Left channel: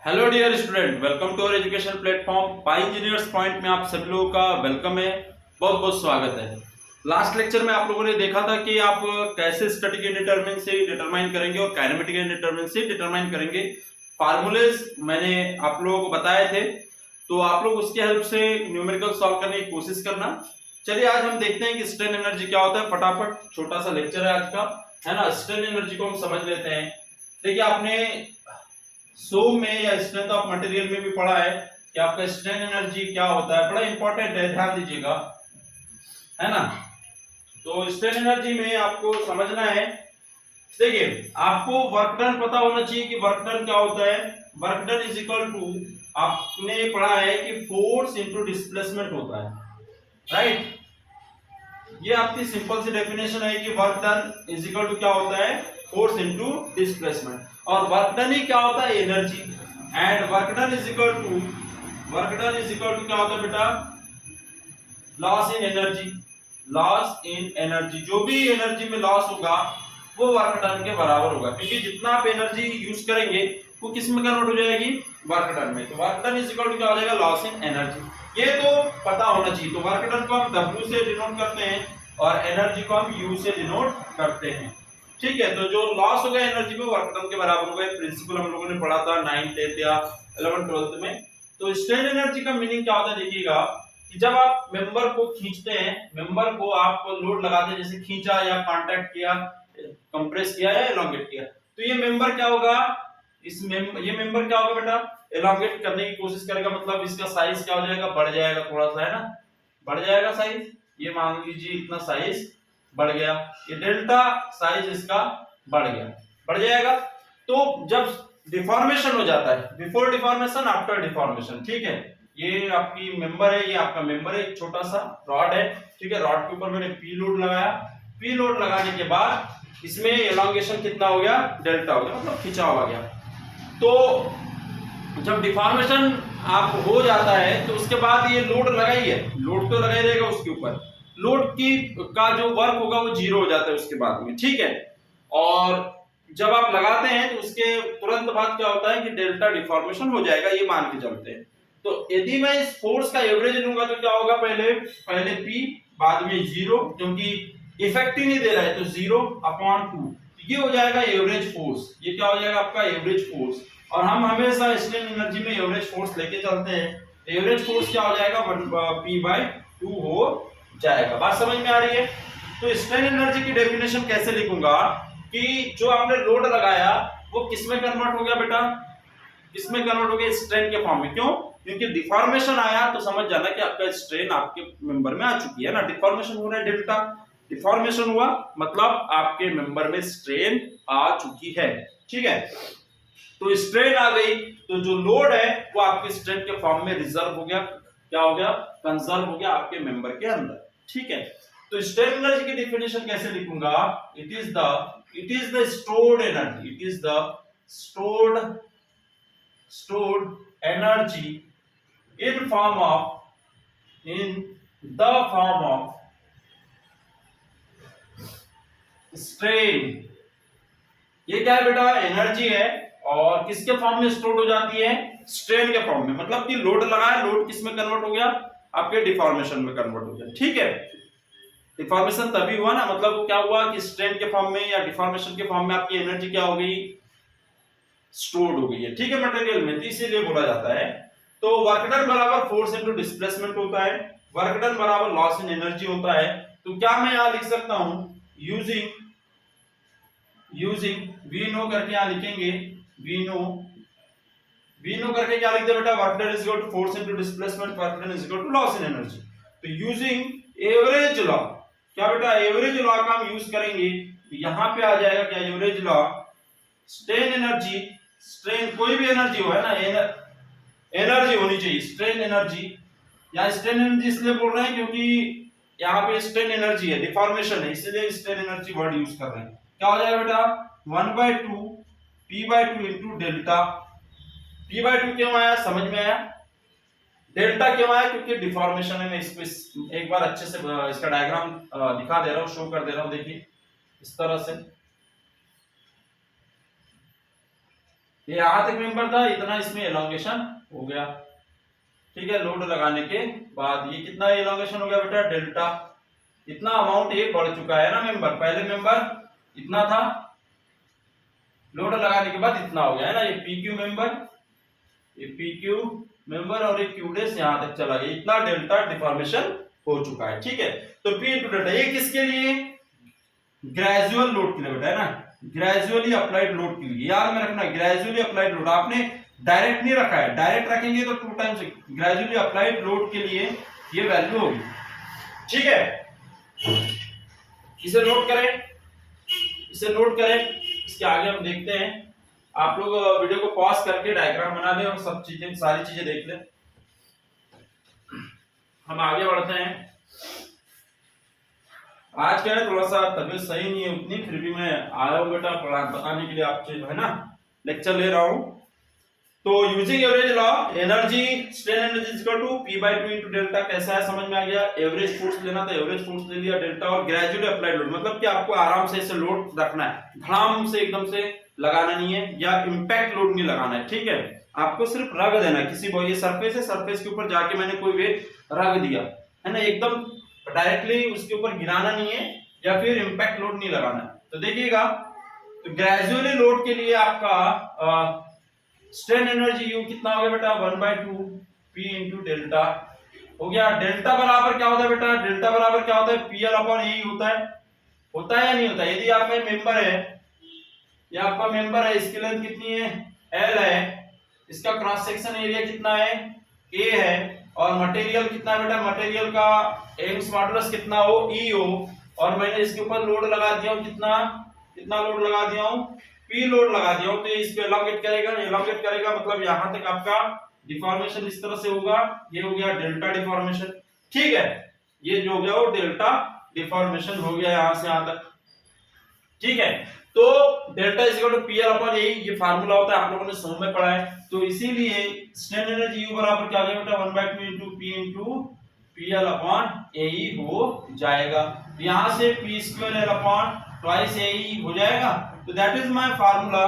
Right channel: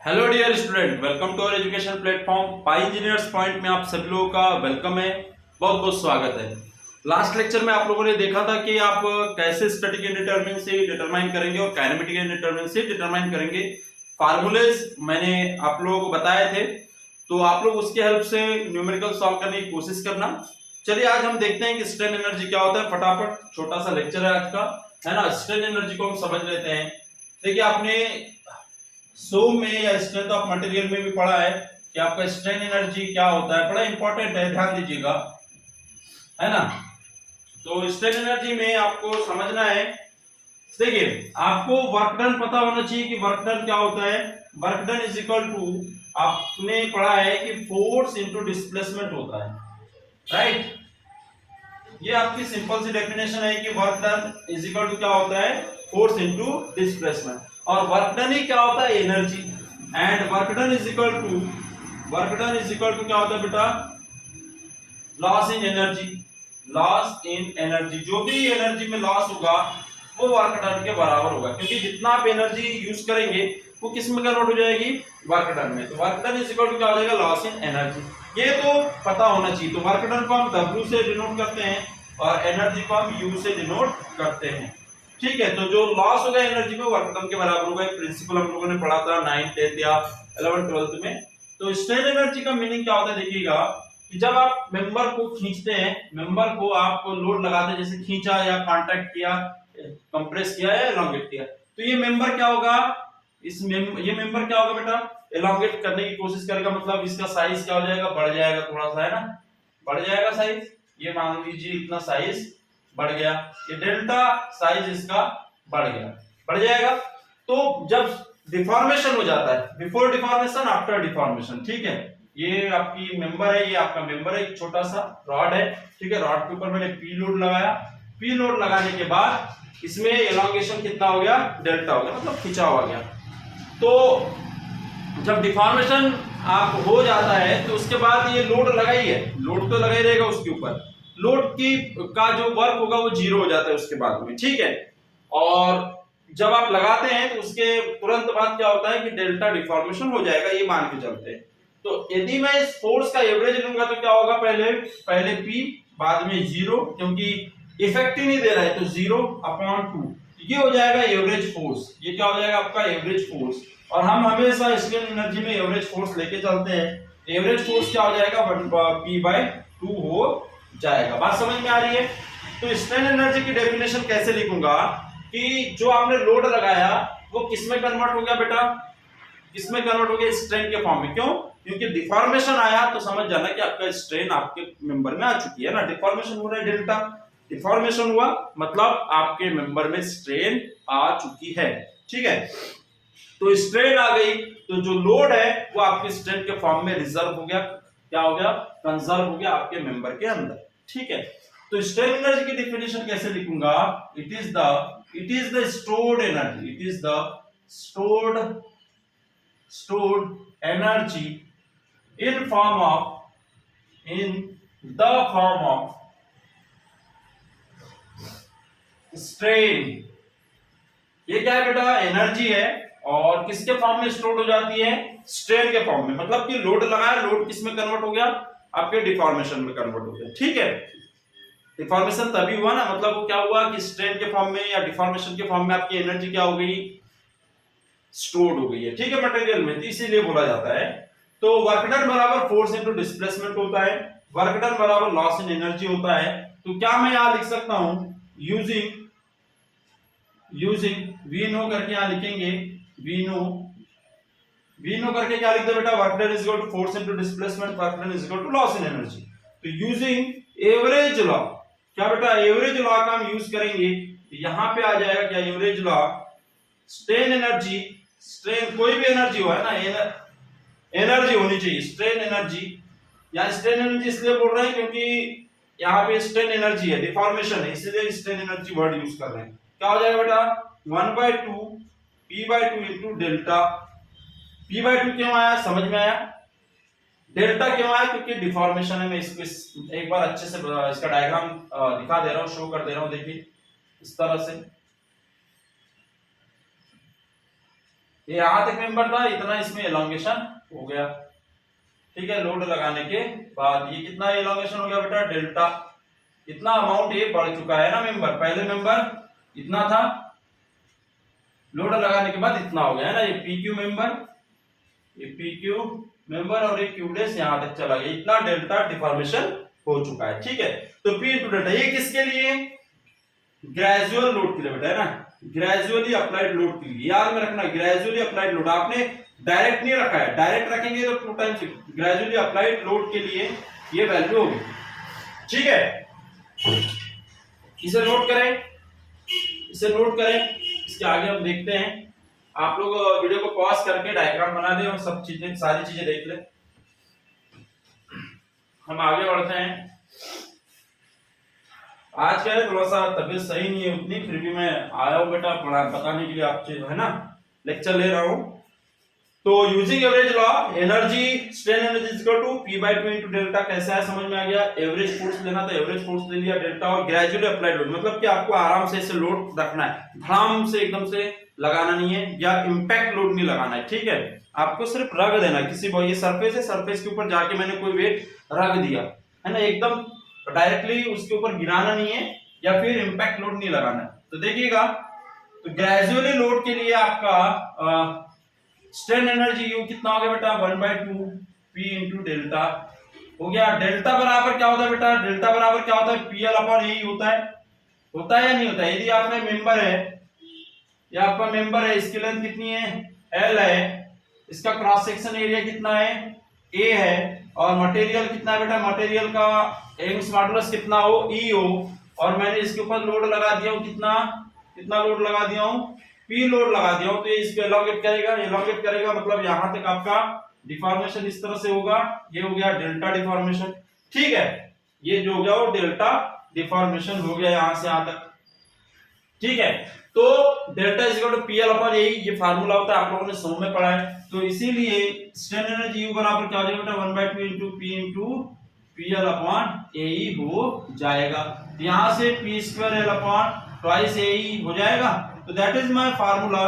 Hello dear student, welcome to our education platform Pi Engineers Point में आप सभी लोगों का वेलकम है। बहुत बहुत स्वागत है। लास्ट लेक्चर में आप लोगों ने देखा था कि आप कैसे स्टैटिक इंडिटरमिनेसी डिटरमाइन करेंगे और काइनेमेटिक इंडिटरमिनेसी डिटरमाइन करेंगे। फार्मूलेज मैंने आप लोगों को बताए थे, तो आप लोग उसकी हेल्प से न्यूमेरिकल सॉल्व करने की कोशिश करना। चलिए आज हम देखते हैं कि स्ट्रेन एनर्जी क्या होता है। फटाफट छोटा सा लेक्चर है आज का, है ना। स्ट्रेन एनर्जी को हम समझ लेते हैं। देखिए आपने सोम में या स्ट्रेंथ ऑफ मटेरियल में भी पढ़ा है कि आपका स्ट्रेन एनर्जी क्या होता है। बड़ा इंपॉर्टेंट है, ध्यान दीजिएगा, है ना। तो स्ट्रेन एनर्जी में आपको समझना है, देखिए आपको वर्क डन पता होना चाहिए कि वर्क डन क्या होता है। Work done is equal to, आपने पढ़ा है कि फोर्स इनटू डिस्प्लेसमेंट होता है, राइट। ये आपकी सिंपल सी डेफिनेशन है कि work done is equal to क्या होता है, फोर्स इनटू डिस्प्लेसमेंट। और वर्क डन ही क्या होता है, energy. And work done is equal to क्या होता है बेटा, loss in energy. Loss in energy, जो भी एनर्जी में लॉस होगा वो वर्क डन के बराबर होगा, क्योंकि जितना आप एनर्जी यूज करेंगे वो किस में कन्वर्ट हो जाएगी, वर्क डन में। तो work done is equal to क्या हो जाएगा, लॉस इन एनर्जी। ये तो पता होना चाहिए। तो वर्क डन को हम W से डिनोट करते हैं और एनर्जी को हम U से डिनोट करते हैं, ठीक है। तो जो लॉस होगा एनर्जी में, वर्क डन के बराबर होगा। एक प्रिंसिपल हम लोगों ने पढ़ा था 9th 10th या 11th 12th में। तो स्ट्रेन एनर्जी का मीनिंग क्या होता है, देखिएगा कि जब आप मेंबर को खींचते हैं, मेंबर को आप लोड लगाते हैं, जैसे खींचा या कांटेक्ट किया, कंप्रेस किया या एलोंगेट किया, तो ये मेंबर क्या होगा, ये मेंबर क्या होगा बेटा, एलोंगेट करने की कोशिश करेगा। मतलब इसका साइज क्या हो जाएगा, बढ़ जाएगा थोड़ा सा, है ना, बढ़ जाएगा साइज। ये मान लीजिए इतना साइज बढ़ गया, ये डेल्टा साइज इसका बढ़ गया, बढ़ जाएगा। तो जब डिफॉर्मेशन हो जाता है, बिफोर डिफॉर्मेशन, आफ्टर डिफॉर्मेशन, ठीक है। ये आपकी मेंबर है, ये आपका मेंबर है, एक छोटा सा रॉड है, ठीक है। रॉड के ऊपर मैंने पी लोड लगाया। पी लोड लगाने के बाद इसमें एलोंगेशन कितना हो गया, डेल्टा हो गया, मतलब खिंचा हुआ गया। तो जब डिफॉर्मेशन आप हो जाता है तो उसके बाद ये लोड लगा ही है, लोड तो लगा ही रहेगा उसके ऊपर। लोड की का जो वर्क होगा वो जीरो हो जाता है उसके बाद में, ठीक है। और जब आप लगाते हैं तो उसके तुरंत बाद क्या होता है कि डेल्टा डिफॉर्मेशन हो जाएगा, ये मान के चलते हैं। तो यदि मैं इस फोर्स का एवरेज लूंगा तो क्या होगा, पहले P बाद में 0, क्योंकि इफेक्ट ही नहीं दे रहा है, तो 0/2 ये हो जाएगा एवरेज फोर्स। ये क्या हो जाएगा आपका एवरेज फोर्स। और हम हमेशा स्ट्रेन एनर्जी में एवरेज फोर्स लेके चलते हैं। एवरेज फोर्स क्या हो जाएगा, P/2 हो जाएगा। बात समझ में आ रही है। तो स्ट्रेन एनर्जी की डेफिनेशन कैसे लिखूंगा कि जो आपने लोड लगाया वो किस में कन्वर्ट हो गया बेटा, किस में कन्वर्ट हो गया, स्ट्रेन के फॉर्म में। क्यों, क्योंकि डिफॉर्मेशन आया तो समझ जाना कि आपका स्ट्रेन आपके मेंबर में आ चुकी है ना। डिफॉर्मेशन हो रहा है, डेल्टा डिफॉर्मेशन हुआ, मतलब आपके मेंबर में स्ट्रेन आ चुकी है, ठीक है। तो स्ट्रेन आ गई तो जो लोड है वो आपके स्ट्रेन के फॉर्म में रिजर्व हो गया, क्या हो गया, कंजर्व हो गया आपके मेंबर के अंदर, ठीक है। तो स्ट्रेन एनर्जी की डेफिनेशन कैसे लिखूंगा, it is the stored energy, it is the stored energy in the form of strain। ये क्या है बेटा, एनर्जी है, और किसके फॉर्म में स्टोर हो जाती है, स्ट्रेन के फॉर्म में। मतलब कि लोड लगाया, लोड किस में कन्वर्ट हो गया, आपके डिफॉर्मेशन में कन्वर्ट हो गया, ठीक है। डिफॉर्मेशन तभी हुआ ना, मतलब क्या हुआ कि स्ट्रेन के फॉर्म में या डिफॉर्मेशन के फॉर्म में आपकी एनर्जी क्या हो गई, स्टोर्ड हो गई है, ठीक है, मटेरियल में। तो इसीलिए बोला जाता है। तो वर्क डन बराबर फोर्स इनटू डिस्प्लेसमेंट होता है, वर्क डन बराबर लॉस इन एनर्जी होता है। तो क्या मैं यहां लिख सकता हूं, यूजिंग वी नो करके यहां लिखेंगे, वी नो करके क्या लिखते बेटा, work done is equal to force into displacement, work done is equal to loss in energy. तो यूजिंग एवरेज लॉ, क्या बेटा, एवरेज लॉ का हम यूज करेंगे। तो यहां पे आ जाएगा क्या, average law, strain energy, strain कोई भी एनर्जी हो, है ना, एनर्जी होनी चाहिए, स्ट्रेन एनर्जी। या स्ट्रेन एनर्जी इसलिए बोल रहे हैं क्योंकि यहाँ पे स्ट्रेन एनर्जी है, डिफॉर्मेशन है, इसलिए स्ट्रेन एनर्जी वर्ड यूज कर रहे हैं। क्या हो जाएगा बेटा, 1/2 P/2 इंटू डेल्टा। P/2 क्यों आया, समझ में आया, डेल्टा क्यों आया, क्योंकि डिफॉर्मेशन है। मैं इसको एक बार अच्छे से इसका डायग्राम दिखा दे रहा हूँ, शो कर दे रहा हूँ, देखिए इस तरह से। ये यहां तक मेंबर था, इतना इसमें एलोंगेशन हो गया। ठीक है, लोड लगाने के बाद ये कितना एलोंगेशन हो गया बेटा, डेल्टा। इतना अमाउंट ये बढ़ चुका है ना मेंबर, पहले मेंबर इतना था, लोड लगाने के बाद इतना हो गया है ना। ये पी क्यू मेंबर, ये पी क्यू मेंबर और ये क्यू डेस यहां तक चला गया, इतना डेल्टा डिफॉर्मेशन हो चुका है। ठीक है, तो पी इंटू डेल्टा ये किसके लिए, ग्रेजुअल लोड के लिए बेटा, है ना, ग्रेजुअली अप्लाइड लोड के लिए याद में रखना। ग्रेजुअली अप्लाइड लोड आपने डायरेक्ट नहीं रखा है, डायरेक्ट रखेंगे तो 2 टाइम्स, ग्रेजुअली अप्लाइड लोड के लिए ये वैल्यू होगी। ठीक है, इसे नोट करें, इसे नोट करें, इसके आगे हम देखते हैं। आप लोग वीडियो को पॉज करके डायग्राम बना लें और सब चीजें, सारी चीजें देख लें। हम आगे बढ़ते हैं। आज क्या है, थोड़ा सा तबीयत सही नहीं है उतनी, फिर भी मैं आया हूँ बेटा बताने के लिए आपसे, जो है ना, लेक्चर ले रहा हूँ। तो using average law, energy strain energy is equal to P by 2 * delta. कैसा है समझ में आ गया। एवरेज फोर्स लेना तो एवरेज फोर्स ले लिया डेल्टा, और ग्रेजुअली अप्लाइड लोड मतलब कि आपको आराम से इसे लोड रखना है, धड़ाम से एकदम से लगाना नहीं है, या इंपैक्ट लोड नहीं लगाना है। ठीक है, आपको सिर्फ रग देना है, किसी ये सरफेस है, सरफेस के ऊपर जाके मैंने कोई वेट रग दिया है ना, एकदम डायरेक्टली उसके ऊपर गिराना नहीं है, या फिर इंपैक्ट लोड नहीं लगाना है। तो देखिएगा, तो ग्रेजुअली लोड के लिए आपका स्ट्रेन एनर्जी यू कितना हो गया बेटा, 1/2 P इंटू डेल्टा हो गया। डेल्टा बराबर क्या होता है बेटा, डेल्टा बराबर क्या होता है, PL अपॉन ए होता है या नहीं होता है। यदि आपका मेंबर है, या आपका मेंबर है, इसकी लेंथ कितनी है, L है, इसका क्रॉस सेक्शन एरिया कितना है, A है, और मटेरियल कितना है बेटा, मटेरियल का यंग्स मॉडुलस कितना हो, E हो, और मैंने इसके ऊपर लोड लगा दिया हूं, कितना लोड लगा दिया हूं, P लोड लगा दिया हूं, तो ये इस पे एलोंगेट करेगा, मतलब यहां तक आपका डिफॉर्मेशन इस तरह से होगा। ये हो गया डेल्टा डिफॉर्मेशन। ठीक है, ये जो हो गया वो डेल्टा डिफॉर्मेशन हो गया यहां से यहां तक। ठीक है, तो delta is equal to PL upon a, ये फार्मूला होता है, आप लोगों ने समझ में पढ़ा है। तो इसीलिए स्ट्रेन एनर्जी U बराबर क्या हो जाएगा बेटा, 1/2 into P into PL upon a हो जाएगा। तो यहां से P² L अपॉन ट्वाइस ए हो जाएगा। तो that is my formula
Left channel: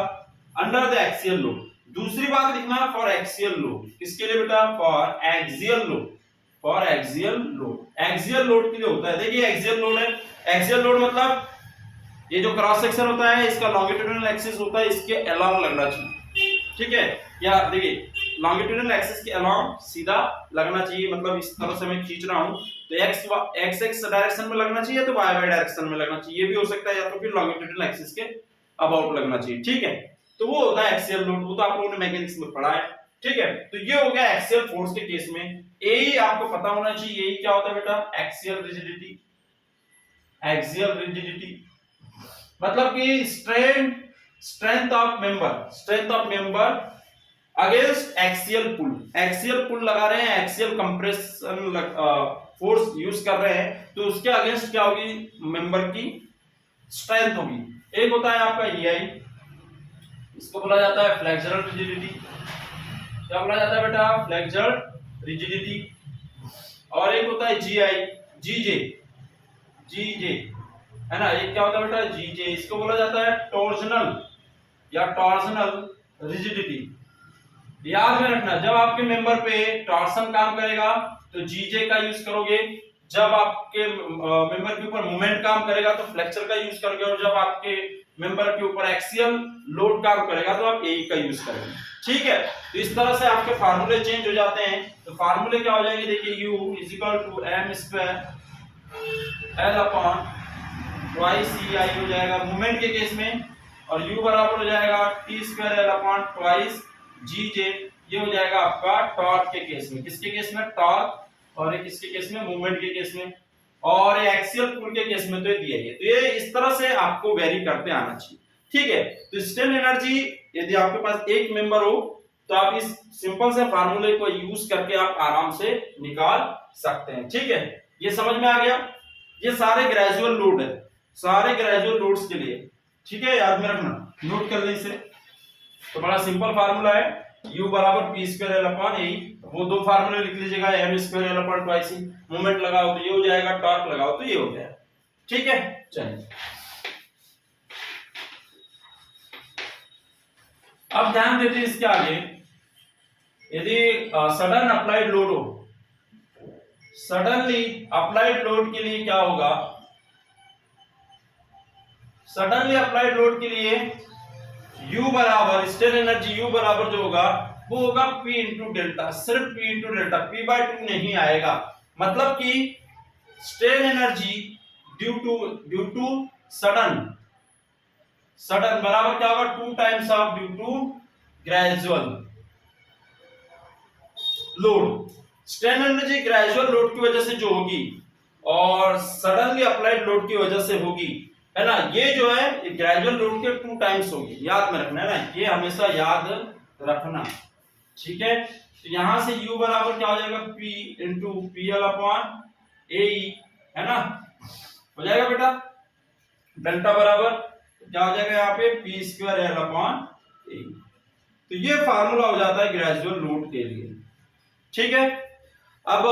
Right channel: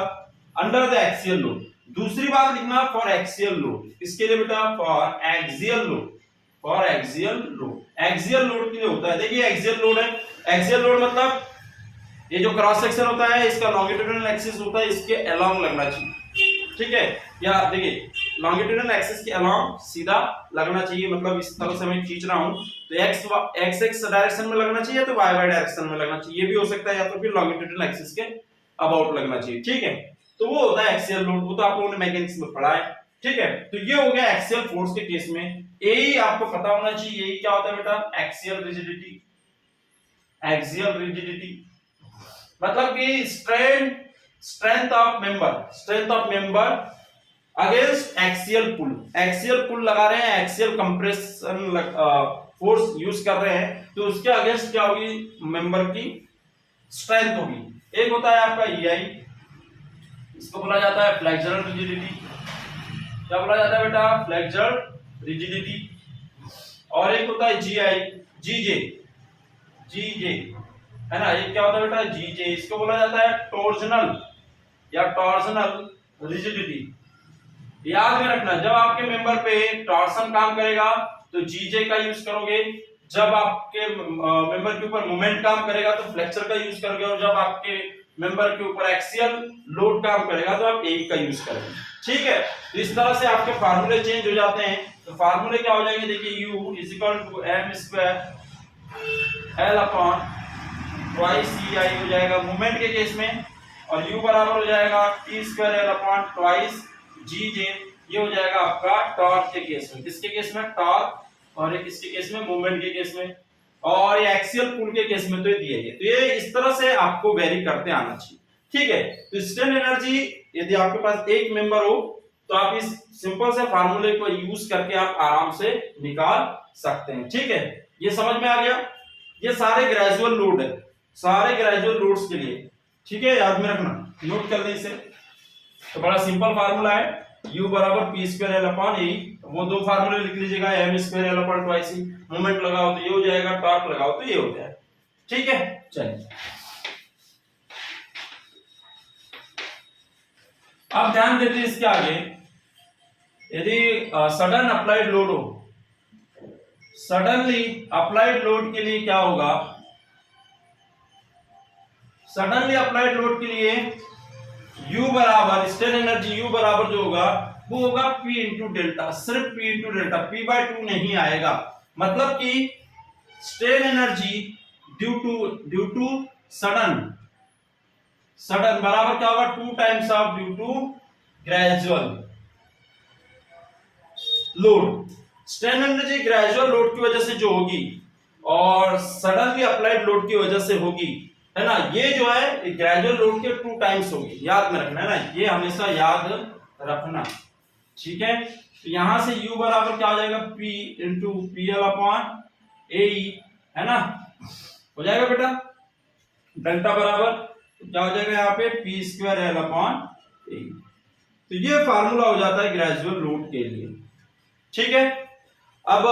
under the axial load. दूसरी बात लिखना, फॉर एक्सियल लोड, किसके लिए बेटा, for axial load, for axial load, axial load के लिए होता है। देखिए एक्सियल लोड है, एक्सियल लोड मतलब ये जो क्रॉस सेक्शन होता है, इसका लॉन्गिट्यूडिनल एक्सिस होता है, इसके अलोंग लगना चाहिए। ठीक है, या देखिए लॉन्गिट्यूडिनल एक्सिस के अलोंग सीधा लगना चाहिए, मतलब इस तरह से मैं खींच रहा हूं, तो एक्स एक्स डायरेक्शन में लगना चाहिए, तो वाई वाई डायरेक्शन में लगना चाहिए, ये भी हो सकता है, या तो फिर लॉन्गिट्यूडिनल एक्सिस के अबाउट लगना चाहिए। ठीक है, तो वो होता है एक्सियल लोड, वो तो आप लोगों ने मैकेनिक्स में पढ़ा है। ठीक है, तो ये हो गया एक्सियल फोर्स के केस में। यही आपको पता होना चाहिए, यही क्या होता है बेटा, एक्सियल रिजिडिटी। एक्सियल रिजिडिटी मतलब कि strength of member against axial pull. Axial pull लगा रहे हैं, एक्सियल कंप्रेशन फोर्स यूज कर रहे हैं, तो उसके अगेंस्ट क्या होगी, मेंबर की स्ट्रेंथ होगी। एक होता है आपका EI, इसको बोला जाता है फ्लेक्सुरल रिजिडिटी। क्या बोला जाता है बेटा, फ्लेक्सुरल रिजिडिटी। और एक होता है GJ है ना, ये क्या होता है बेटा, GJ, इसको बोला जाता है टॉर्जनल या टॉर्जनल रिजिडिटी। याद में रखना, जब आपके मेंबर पे टॉर्सन काम करेगा तो GJ का यूज करोगे, जब आपके मेंबर के ऊपर मोमेंट काम करेगा तो फ्लेक्सर का यूज करोगे, और जब आपके मेंबर के ऊपर एक्सियल लोड काम करेगा तो आप AE का यूज करोगे। ठीक है, तो इस तरह से आपके फार्मूले चेंज हो जाते हैं। तो फार्मूले क्या हो जाएंगे, देखिए U is equal to m² L upon twice EI हो जाएगा मूवमेंट के केस में, और U बराबर हो जाएगा T² L upon twice GJ, ये हो जाएगा आपका टॉर्क के केस में। किसके केस में, टॉर्क, और ये किसके केस में, मूवमेंट के केस में, और ये एक्सियल पुल के केस में तो ये दिया है। तो ये इस तरह से आपको वेरी करते आना चाहिए। ठीक है, तो स्ट्रेन एनर्जी यदि आपके पास एक मेंबर हो तो आप इस सिंपल से फार्मूले को यूज करके आप आराम से निकाल सकते हैं। ठीक है, ये समझ में आ गया। ये सारे ग्रेजुअल लोड है, सारे ग्रेजुअल लोड्स के लिए। ठीक है, याद में रखना, नोट कर लें इसे। तो बड़ा सिंपल फार्मूला है, U बराबर P² L अपॉन ए। वो दो फार्मूले लिख लीजिएगा, m² L अपॉन ट्वाइस ई, मोमेंट लगाओ तो ये हो जाएगा, टॉर्क लगाओ तो ये हो जाएगा। ठीक है, चलिए अब ध्यान देते हैं इसके आगे, यदि सडन अप्लाइड लोड हो, सडनली अप्लाइड लोड के लिए क्या होगा, सडनली अप्लाइड लोड के लिए U बराबर स्ट्रेन एनर्जी U बराबर जो होगा वो होगा P इंटू डेल्टा, सिर्फ P इंटू डेल्टा, P/2 नहीं आएगा। मतलब कि strain energy due to sudden बराबर क्या होगा 2 times of due to gradual load. Strain energy gradual load की वजह से जो होगी और सडनली अप्लाइड लोड की वजह से होगी, है ना, ये जो है ग्रेजुअल लोड के 2 टाइम्स होगी, याद में रखना है ना, ये हमेशा याद रखना, ठीक है। तो यहां से U बराबर क्या हो जाएगा P into PL upon AE, है ना, हो जाएगा बेटा। डेल्टा बराबर क्या हो जाएगा यहाँ पे P² L अपॉन AE। तो ये फार्मूला हो जाता है ग्रेजुअल लोड के लिए, ठीक है। अब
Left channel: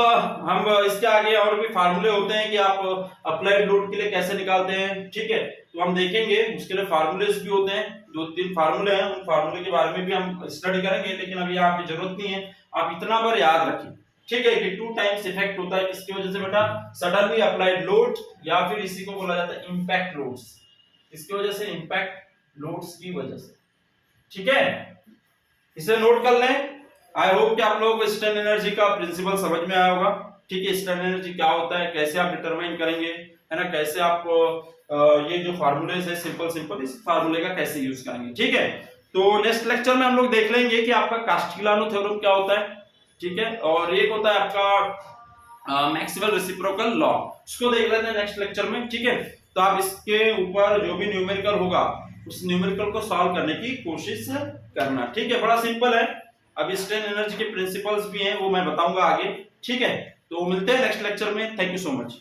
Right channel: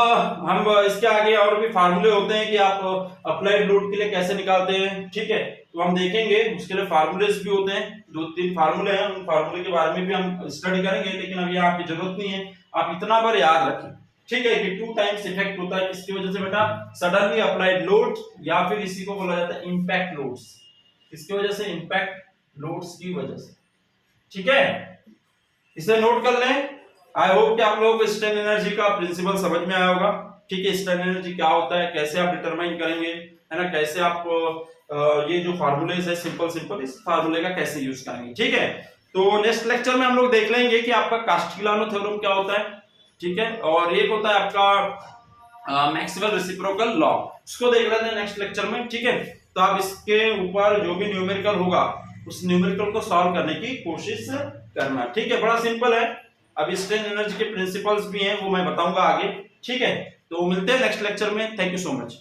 हम इसके आगे और भी फार्मूले होते हैं कि आप अप्लाइड लोड के लिए कैसे निकालते हैं, ठीक है, तो हम देखेंगे। उसके लिए फार्मूलेस भी होते हैं, 2-3 फार्मूले हैं, उन फार्मूले के बारे में भी हम स्टडी करेंगे, लेकिन अभी आपकी जरूरत नहीं है, आप इतना बार याद रखें, ठीक है, कि 2 टाइम्स इफेक्ट होता है किसकी वजह से बेटा, सडनली अप्लाइड लोड, या फिर इसी को बोला जाता है इंपैक्ट लोड्स, किसकी वजह से, इंपैक्ट लोड्स की वजह से, ठीक है। इसे नोट कर लें। आई होप कि आप लोगों को स्ट्रेन एनर्जी का प्रिंसिपल समझ में आया होगा, ठीक है। स्ट्रेन एनर्जी क्या होता है, कैसे आप डिटरमाइन करेंगे, है ना, कैसे आप ये जो फार्मूलेस है सिंपल इस फार्मूले का कैसे यूज करेंगे, ठीक है। तो नेक्स्ट लेक्चर में हम लोग देख लेंगे कि आपका कास्टिग्लियानो थ्योरम क्या होता है, ठीक है, और एक होता है आपका मैक्सवेल रेसिप्रोकल लॉ, उसको देख लेते हैं नेक्स्ट लेक्चर में, ठीक है। तो आप इसके ऊपर जो भी न्यूमेरिकल होगा उस न्यूमेरिकल को सॉल्व करने की कोशिश करना, ठीक है, बड़ा सिंपल है। अब स्ट्रेन एनर्जी के प्रिंसिपल्स भी हैं, वो मैं बताऊंगा आगे, ठीक है। तो मिलते हैं नेक्स्ट लेक्चर में, थैंक यू सो मच।